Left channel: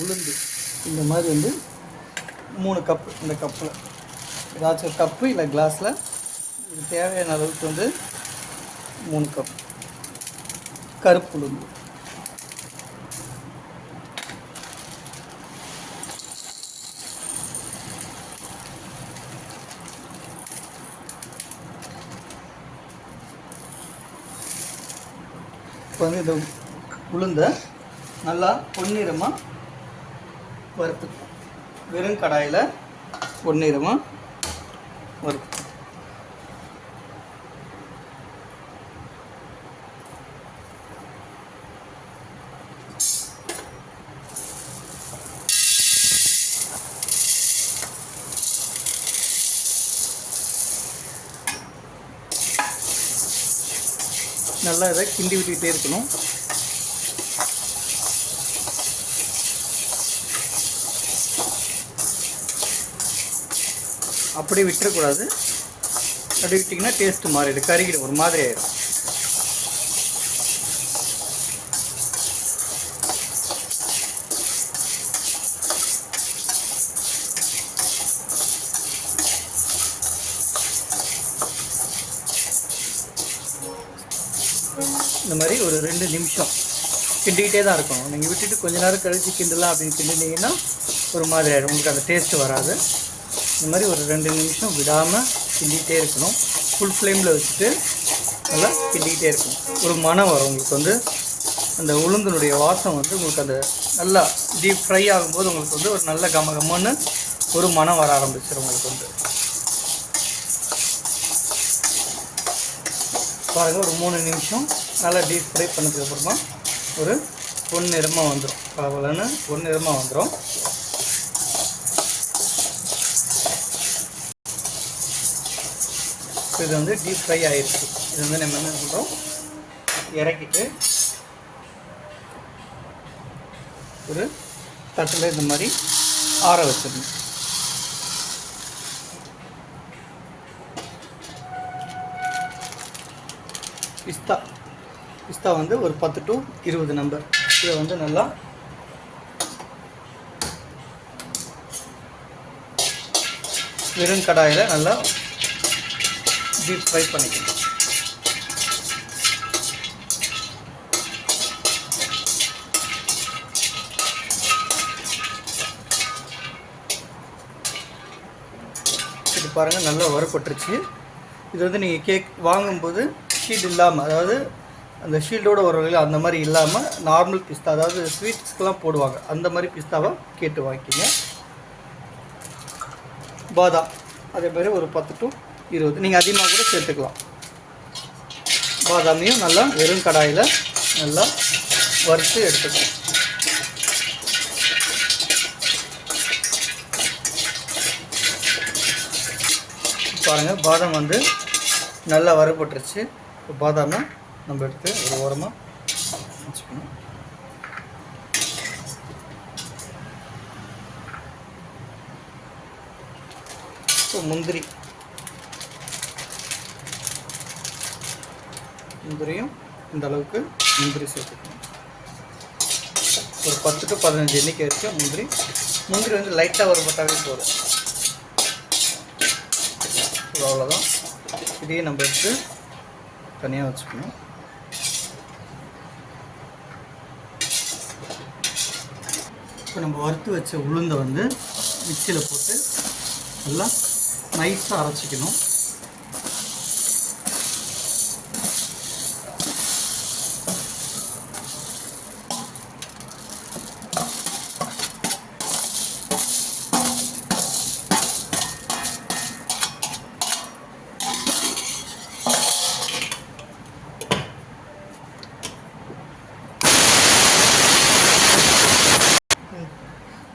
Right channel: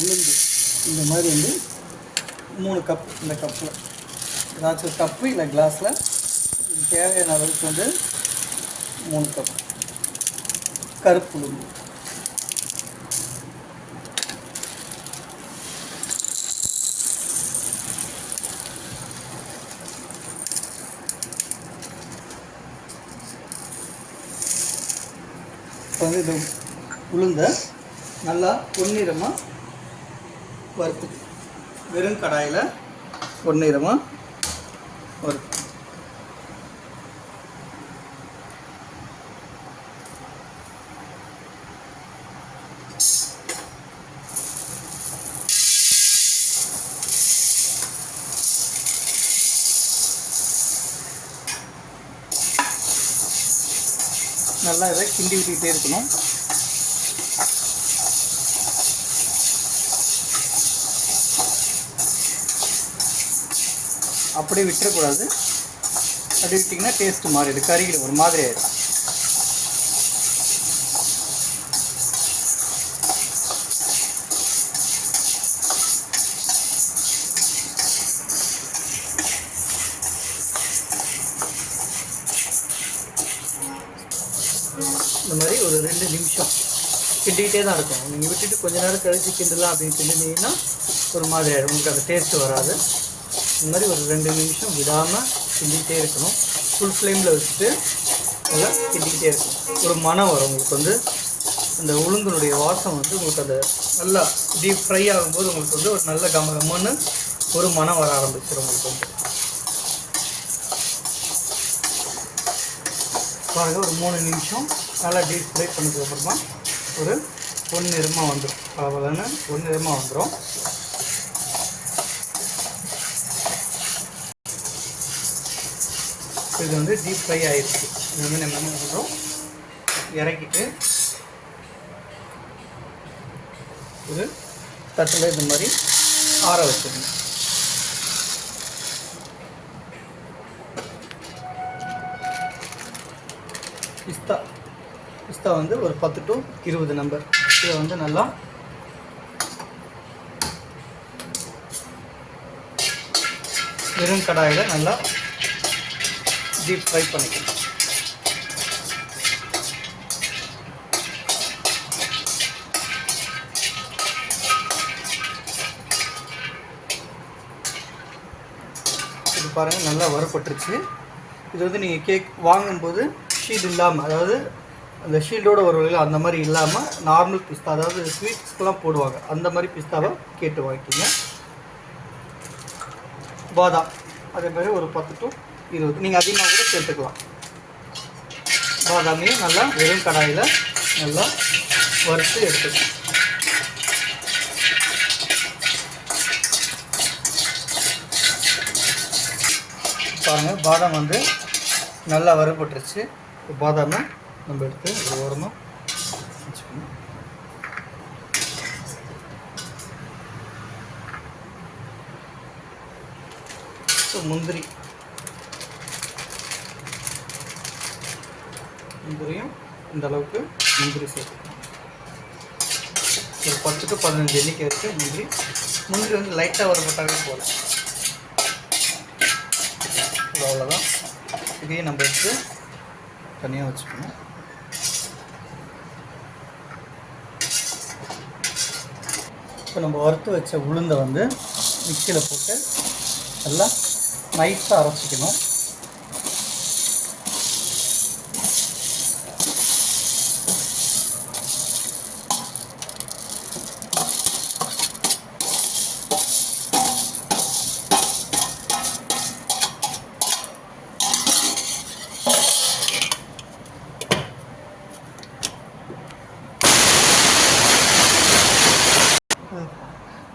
உளுந்து இந்த மாதிரி வந்து 3 கப். இந்த கப்பில் ஏதாச்சும் கப்பு இல்லை கிளாஸில் இது தேவையான அளவுக்கு வந்து 3 கப் கருப்பு உளுந்து. இப்போ வந்து இந்த உளுந்தை நல்லா பொன்னிறமாக வறுத்து வெறும் கடாயில் பொன்னிறமாக வறுத்து நல்லா இதை கிண்டி விட்டுக்கிட்டே இருக்கணும். அப்படியே விட்டுறக்கூடாது. அப்படி விட்டிங்கன்னா டேஸ்ட்டு மாறிடும், கருகிடும், ஒரு மாதிரி ஆகிடும். இந்த மாதிரி ஒரு 2 நிமிஷம் கிண்டிகிட்டே தான் இருக்கணும். நீங்கள் விட்டுட்டு கொஞ்ச நேரம் கழித்து கிண்டலாம் அப்படின்னு கிண்டினீங்கன்னா ஒரு மாதிரி ஆகிடும், உங்களுக்கு அந்த டேஸ்ட்டு வராது. இந்த மாதிரி ஒரு 2 நிமிஷம் விடாமல் கிண்டிகிட்டே இருக்கணும். ஃபுல் ஃப்ளேமில் வச்சுட்டு நல்லா கிண்டிக்கிட்டே இருக்கணும். ஒரு மணம் வரும் உங்களுக்கு வந்து அந்த உளுந்தினுடைய வாசம் வந்து உங்களுக்கு அந்த நல்லா டீப் ஃப்ரை ஆகும்போது உங்களுக்கு வந்து ஒரு நல்ல கமகமன்னு ஒரு மணம் வர ஆரம்பிச்சிடும். உங்களுக்கு வந்து பாருங்கள், ஒரு 3 நிமிஷம் நல்லா டீப் ஃப்ரை பண்ணதுக்கப்புறமா ஒரு பொன்னிறமாக வந்துடும். பலன்னு பொன்னிறமாக வந்துடும். இது வந்து டீப் ஃப்ரை ஆகிடுச்சு. இது வந்து நம்ம என்ன பண்ணுறோம், இறக்கிட்டு ஒரு தட்டில் இந்த மாதிரி ஆற வச்சிடணும். பிஸ்தா வந்து ஒரு 10 to 20 நம்பர். இதை வந்து நல்லா வெறும் கடாயில் நல்லா டீப் ஃப்ரை பண்ணிக்கணும். இது பாருங்கள், நல்லா வறுபட்டுருச்சு. இது வந்து நீங்கள் கேக் வாங்கும்போது ஷீல்டு இல்லாமல், அதாவது அந்த ஷீல்டோடு ஒரு வகையில் அந்த மாதிரி இல்லாமல் நார்மல் பிஸ்தா, அதாவது ஸ்வீட்ஸ்க்கெலாம் போடுவாங்க அந்த மாதிரி பிஸ்தாவை கேட்டு வாங்கிக்கிங்க. பாதாம் அதே மாதிரி ஒரு 10 to 20, நீங்கள் அதிகமாக கூட சேர்த்துக்கலாம். பாதாமையும் நல்லா வெறும் கடாயில் நல்லா வறுத்து எடுத்துக்கலாம். பாருங்கள், பாதாம் வந்து நல்லா வறுபட்டுருச்சு. இப்போ பாதாமை நம்ம எடுத்து ஒரு ஓரமாக வச்சுக்கணும். ஸோ முந்திரியும் இந்த அளவுக்கு முந்திரி சேர்த்துக்கணும். ஒரு 10 to 15 எண்ணிக்கை இருக்குது முந்திரி வந்து லைட்டாக வறுபட்டாவே போதும். அவ்வளோதான். இதையும் நம்ம எடுத்து தனியாக வச்சுக்கணும். இப்போ நம்ம வறுத்து வச்ச உளுந்தை வந்து மிக்சியில் போட்டு நல்லா நைஸாக அரைச்சிக்கணும்.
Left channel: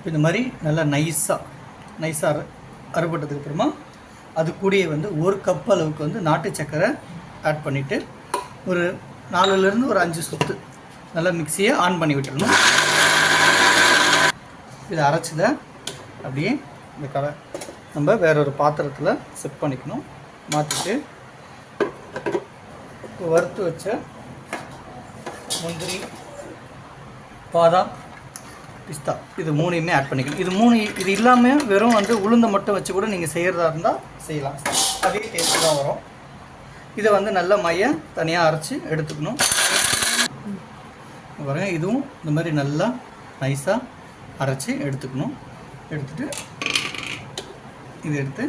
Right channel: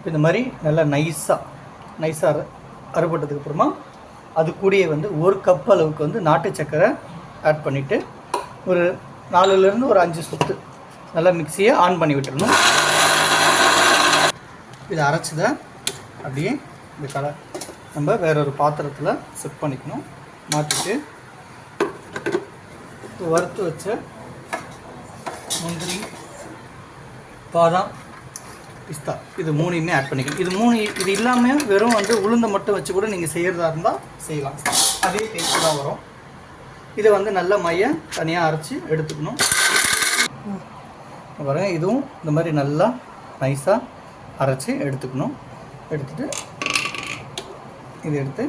இந்த மாதிரி நல்லா நைஸாக அரைப்பட்டதுக்கப்புறமா அது கூடயே வந்து 1 கப் அளவுக்கு வந்து நாட்டு சக்கரை ஆட் பண்ணிவிட்டு ஒரு 4லேருந்து ஒரு 5 சொட்டு நல்லா மிக்சியை ஆன் பண்ணி விட்டுறணும். இதை அரைச்சதை அப்படியே இந்த நம்ம வேற ஒரு பாத்திரத்தில் செட் பண்ணிக்கணும். மாற்றிட்டு வறுத்து வச்ச முந்திரி, பாதாம், பிஸ்தா, இது 3யுமே ஆட் பண்ணிக்கணும். இது இல்லாமல் வெறும் வந்து உளுந்தை மட்டும் வச்சு கூட நீங்கள் செய்கிறதா இருந்தால் செய்யலாம். அதே டேஸ்ட் தான் வரும். இதை வந்து நல்லா மையம் தனியாக அரைச்சி எடுத்துக்கணும். பாருங்கள், இதுவும் இந்த மாதிரி நல்லா நைஸாக அரைச்சி எடுத்துக்கணும். எடுத்துகிட்டு இது எடுத்து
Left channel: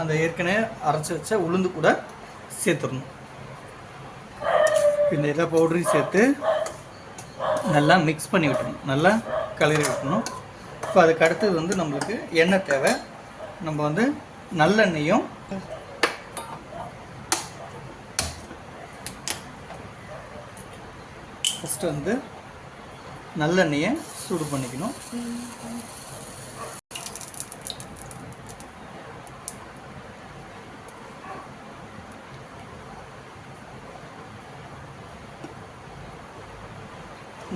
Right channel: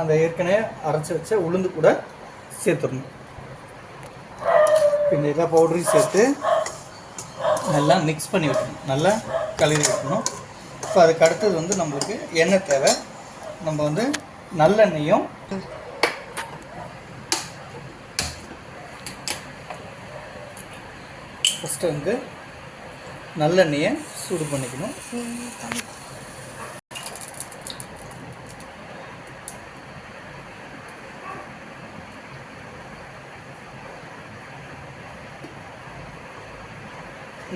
அந்த ஏற்கனவே அரைச்சி வச்ச உளுந்து கூட சேர்த்துடணும். இந்த எல்லா பவுடரையும் சேர்த்து நல்லா மிக்ஸ் பண்ணி விட்டணும், நல்லா கலரி விட்டணும். இப்போ அதுக்கு அடுத்தது வந்து நம்மளுக்கு எண்ணெய் தேவை. நம்ம வந்து நல்லெண்ணெயும் ஃபஸ்ட்டு வந்து நல்லெண்ணெயை சூடு பண்ணிக்கணும்.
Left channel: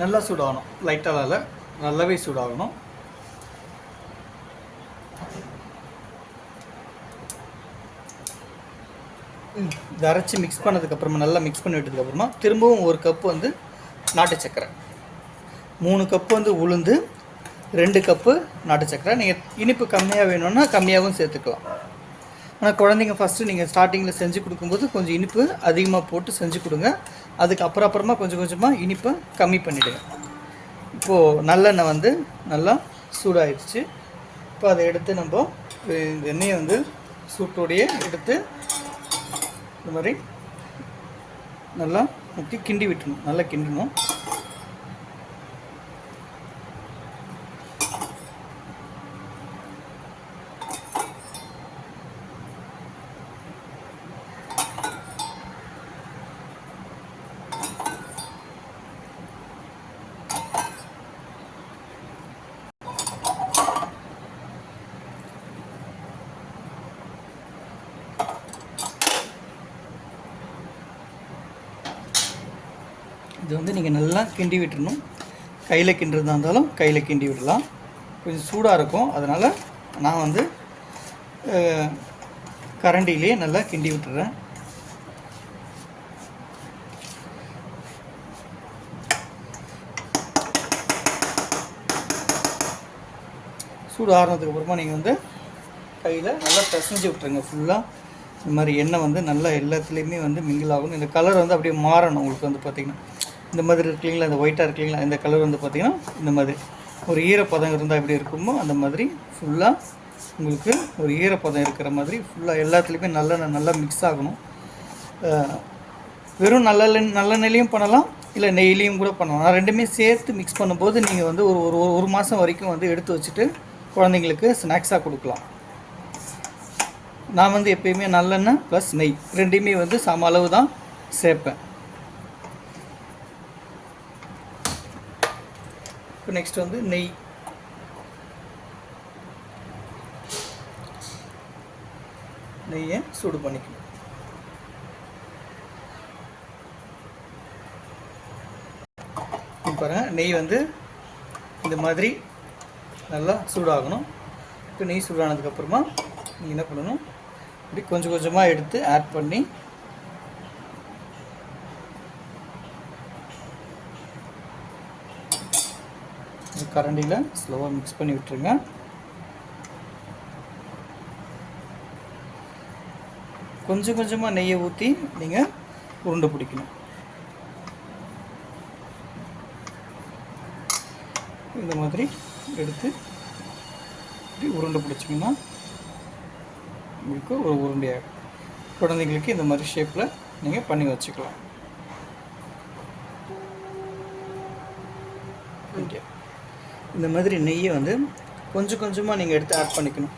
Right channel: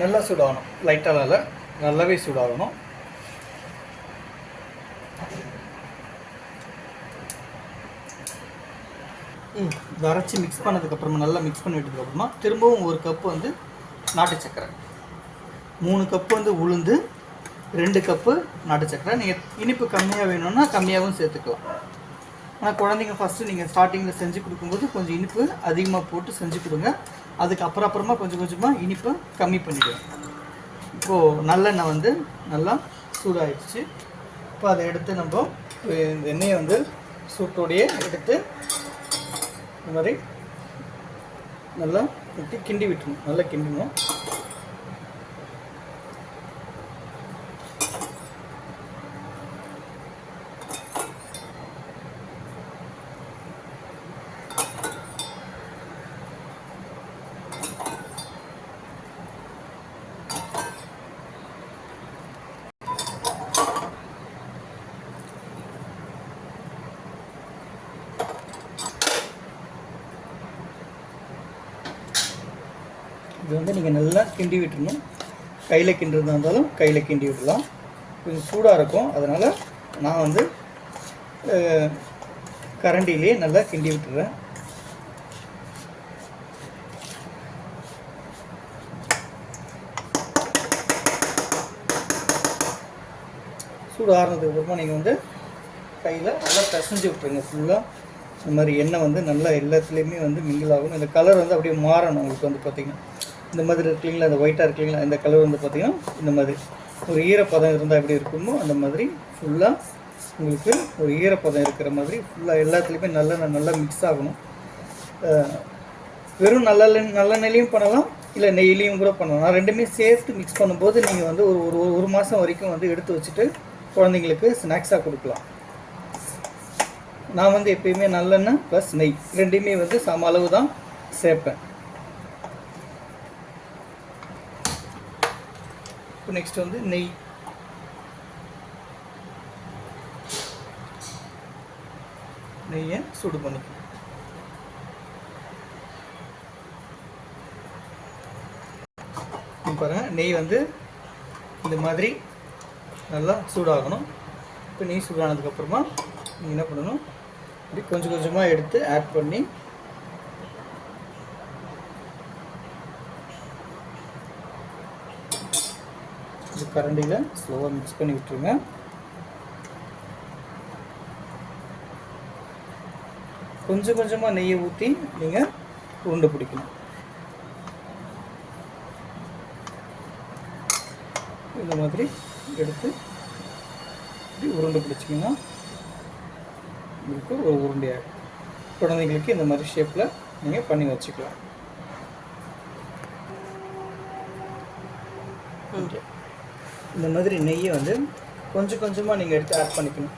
நல்லா சூடாகணும், லைட்டாக நல்லாவே சூடாகணும். இதை அரைச்சி மிக்ஸ் பண்ணதுக்கப்புறமா நல்லா மிக்ஸ் பண்ணி விட்டதுக்கப்புறமா திரும்பவும் 1 கப்பு வந்து நாட்டு சர்க்கரை, 3 கப்பு வந்து உளுந்து, 2 கப்பு நாட்டு சர்க்கரை. நீங்கள் இனிப்பு கம்மியாக வேணும்னா கம்மியாகவும் சேர்த்துக்கலாம். ஆனால் குழந்தைங்க ஃபஸ்ட்டு நீங்கள் ஸ்டார்டிங்கில் செஞ்சு கொடுக்கும்போது கொஞ்சம் இனிப்பு அதிகமாக போட்டு செஞ்சு கொடுங்க. அதுக்கு அப்புறமா கொஞ்சம் கொஞ்சமாக இனிப்பை கம்மி பண்ணிவிடுங்க. இப்போது நல்லெண்ணெய் வந்து நல்லா சூடாகிடுச்சு. இப்போ அதை எடுத்து நம்ம இந்த எண்ணெயை வந்து சூட்டோடையே எடுத்து இந்த மாதிரி நல்லா ஊற்றி கிண்டி விட்டுணும். நல்லா கிண்டணும். இது வந்து நீங்கள் நல்லா கிண்டி விட்டுறணும். கையில் கிண்டுறதா இருந்தாலும் கையில் கிண்டி விடலாம். கொஞ்சம் சூடாக இருக்கும், அதனால் நான் வந்து கரண்டிலே நல்லா கிண்டி விட்டுறேன். சூடு ஆறுனதுக்கப்புறமா நீங்கள் வந்து கையில் நல்லா பிசைஞ்சு விட்டுருங்க. ஃபுல்லாக இந்த மாதிரி எண்ணெய் வந்து நல்லா எல்லாத்துலேயுமே வந்து மிங்கிள் ஆகணும். இந்த கலர் வந்து அப்படியே மாறணும். உங்களுக்கு வந்து பார்த்திங்கன்னா இந்த மாதிரி இருக்குங்களா, இந்த ஒயிட்டாக இருக்குங்களா, இந்த கலர் வந்து பார்த்திங்கன்னா இந்த மாதிரி ஒரு ஈரப்பதம் இருந்தால் எப்படி இருக்குமோ அந்த மாதிரி ஃபுல்லாக உங்களுக்கு ஒரு ஈரப்பதம் இருக்கிற மாதிரி ஃபுல்லாக எல்லாத்துலேயுமே நல்லா மிக்ஸ் ஆகணும். வெறும் நல்லெண்ணெய்லையும் பண்ணலாம், இல்லை நெய்லையும் கூட பண்ணலாம். நான் ரெண்டுமே சேர்த்து மிக்ஸ் பண்ணும்போது நீங்கள் வந்து ஒரு மாதம் வரைக்கும் வந்து எடுத்து வச்சுட்டு குழந்தைங்களுக்கு ஸ்நாக்ஸாக கொடுக்கலாம். நான் வந்து எப்பயுமே நல்லெண்ணெய் ப்ளஸ் நெய் ரெண்டையுமே வந்து சம அளவு தான் சேர்ப்பேன். இப்போ நெக்ஸ்ட் வந்து நெய்யை சூடு பண்ணிக்கணும். பாருங்கள், நெய் வந்து இந்த மாதிரி நல்லா சூடாகணும். இப்போ நெய் சூடானதுக்கப்புறமா நீங்கள் என்ன பண்ணணும், இப்படி கொஞ்சம் கொஞ்சமாக எடுத்து ஆட் பண்ணி இந்த கரண்டியில் ஸ்லோவாக மிக்ஸ் பண்ணி விட்டுருங்க. கொஞ்சம் கொஞ்சமாக நெய்யை ஊற்றி நீங்கள் உருண்டை பிடிக்கணும். இந்த மாதிரி எடுத்து இப்படி உருண்டை பிடிச்சிங்கன்னா உங்களுக்கு ஒரு உருண்டையாக குழந்தைங்களுக்கு இந்த மாதிரி ஷேப்பில் நீங்கள் பண்ணி வச்சுக்கலாம். ஓகே, இந்த மாதிரி நெய்யை வந்து கொஞ்சம் கொஞ்சமாக நீங்கள் எடுத்து ஆட் பண்ணிக்கணும்.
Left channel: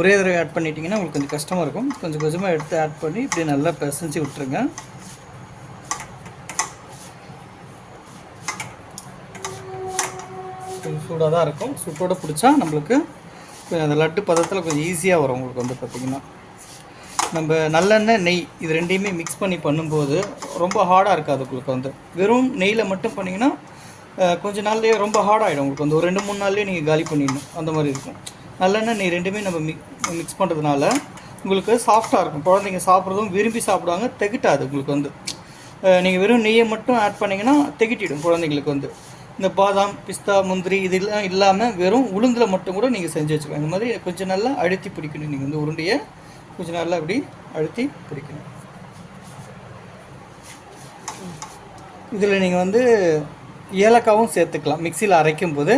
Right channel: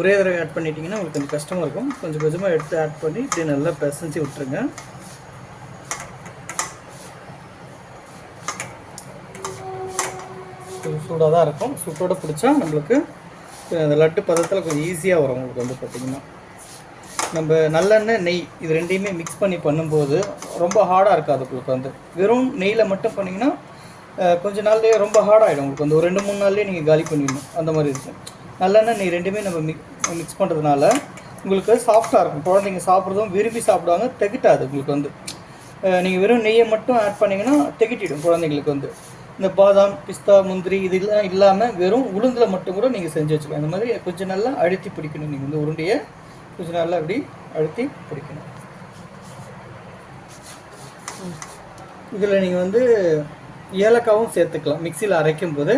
ஒரே தடவை ஆட் பண்ணிட்டீங்கன்னா உங்களுக்கு கொஞ்சம் கஷ்டமாக இருக்கும். கொஞ்சம் கொஞ்சமாக எடுத்து ஆட் பண்ணி இப்படி நல்லா பிசைஞ்சு விட்டுருங்க. கொஞ்சம் சூடாக தான் இருக்கும். சூட்டோடு பிடிச்சா நம்மளுக்கு கொஞ்சம் அந்த லட்டு பதத்தில் கொஞ்சம் ஈஸியாக வரும். உங்களுக்கு வந்து பார்த்திங்கன்னா நம்ம நல்லெண்ணெய் நெய் இது ரெண்டையுமே மிக்ஸ் பண்ணி பண்ணும்போது ரொம்ப ஹார்டாக இருக்காது. உங்களுக்கு வந்து வெறும் நெய்யில் மட்டும் பண்ணிங்கன்னா கொஞ்சம் நாள்லேயே ரொம்ப ஹார்டாகிடும். உங்களுக்கு வந்து ஒரு 2-3 நாள்லேயே நீங்கள் காலி பண்ணிடணும். அந்த மாதிரி இருக்கும். நல்லெண்ணெய் நெய் ரெண்டுமே நம்ம மிக்ஸ் பண்ணுறதுனால உங்களுக்கு சாஃப்டாக இருக்கும். குழந்தைங்க சாப்பிட்றதும் விரும்பி சாப்பிடுவாங்க, திகட்டாது. உங்களுக்கு வந்து நீங்கள் வெறும் நெய்யை மட்டும் ஆட் பண்ணிங்கன்னா திகட்டிடும் குழந்தைங்களுக்கு வந்து. இந்த பாதாம் பிஸ்தா முந்திரி இதெல்லாம் இல்லாமல் வெறும் உளுந்தில் மட்டும் கூட நீங்கள் செஞ்சு வச்சுக்கலாம். இந்த மாதிரி கொஞ்சம் நல்லா அழுத்தி பிடிக்கணும். நீங்கள் வந்து உருண்டையை கொஞ்சம் நல்லா அப்படி அழுத்தி பிடிக்கணும். இதில் நீங்கள் வந்து ஏலக்காவும் சேர்த்துக்கலாம். மிக்சியில் அரைக்கும் போது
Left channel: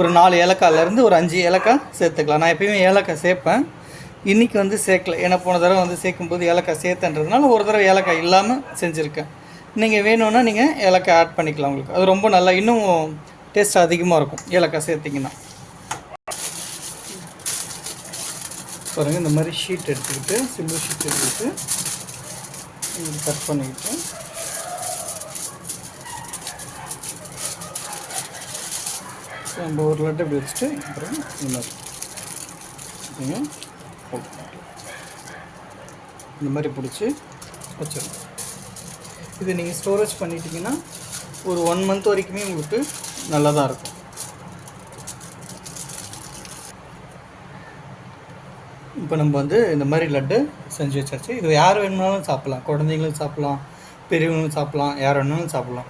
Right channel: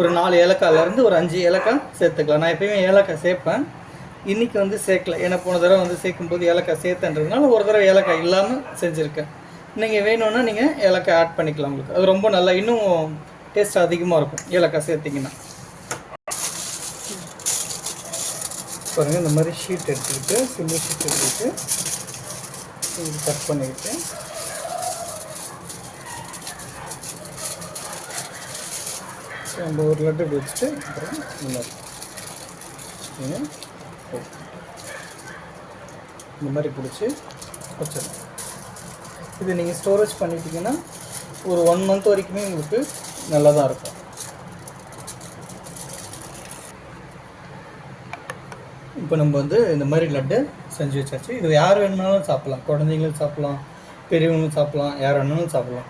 ஒரு 4 ஏலக்காயிலேருந்து ஒரு 5 ஏலக்காய் சேர்த்துக்கலாம். நான் எப்பயுமே ஏலக்காய் சேர்ப்பேன். இன்றைக்கி வந்து சேர்க்கல, ஏன்னா போன தடவை வந்து சேர்க்கும்போது ஏலக்காய் சேர்த்துன்றதுனால ஒரு தடவை ஏலக்காய் இல்லாமல் செஞ்சுருக்கேன். நீங்கள் வேணும்னா நீங்கள் ஏலக்காய் ஆட் பண்ணிக்கலாம். உங்களுக்கு அது ரொம்ப நல்லா இன்னும் டேஸ்ட் அதிகமாக இருக்கும் ஏலக்காய் சேர்த்திங்கன்னா. பாருங்கள், இந்த மாதிரி ஷீட் எடுத்துக்கிட்டு சில்வர் ஷீட் எடுத்துக்கிட்டு கட் பண்ணிக்கிட்டு நம்ம ஒரு லட்டு இப்படி வச்சுட்டு அப்புறம் இந்த மாதிரி பிடிச்சி வச்சிடணும். இது நீங்கள் ஸ்டோரேஜ் பண்ணிட்டீங்கன்னா ஒரு 1 மந்த் வரைக்குமே உங்களுக்கு நல்லா தான் இருக்கும். இப்போ நம்ம வந்து இந்த மாதிரி லட்டு செஞ்சு வச்சாச்சு. இது யார் வேணுனாலும் சாப்பிட்லாம். குழந்தைங்களும் சாப்பிட்லாம், பெரியவங்களும் சாப்பிட்லாம், யார் வேணுனாலும் சாப்பிட்லாம்.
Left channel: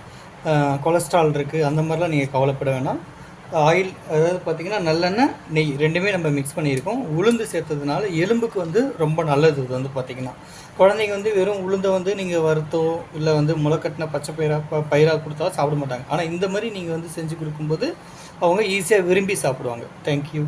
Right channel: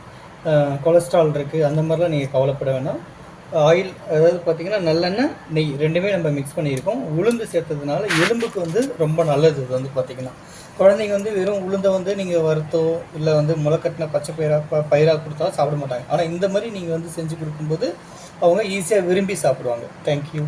கொலஸ்ட்ரால் இருக்குது அந்த மாதிரிலாம் நீங்கள் கவலைப்பட வேணாம். ஆயில், அதாவது பார்த்திங்கன்னா நல்லெண்ணெய், நெய் ரெண்டுமே நம்ம மிக்ஸ் பண்ணியிருக்கோம். உளுந்து சேர்த்ததுனால எலும்புக்கு வந்து ரொம்ப நல்லது. இது வந்து பார்த்திங்கன்னா குழந்தைங்க வந்து வெறும் உளுந்தை வந்து நீங்கள் வறுத்தோ இல்லை வந்து முளைக்கட்டின பச்சை பயிராக கொடுத்தாலும் சாப்பிட மாட்டாங்க. ஆனால் இந்த மாதிரி நீங்கள் வந்து செஞ்சு கொடுக்கும்போது அவங்க ஈஸியாக விரும்பி சாப்பிடுவாங்க. தேங்க்யூ.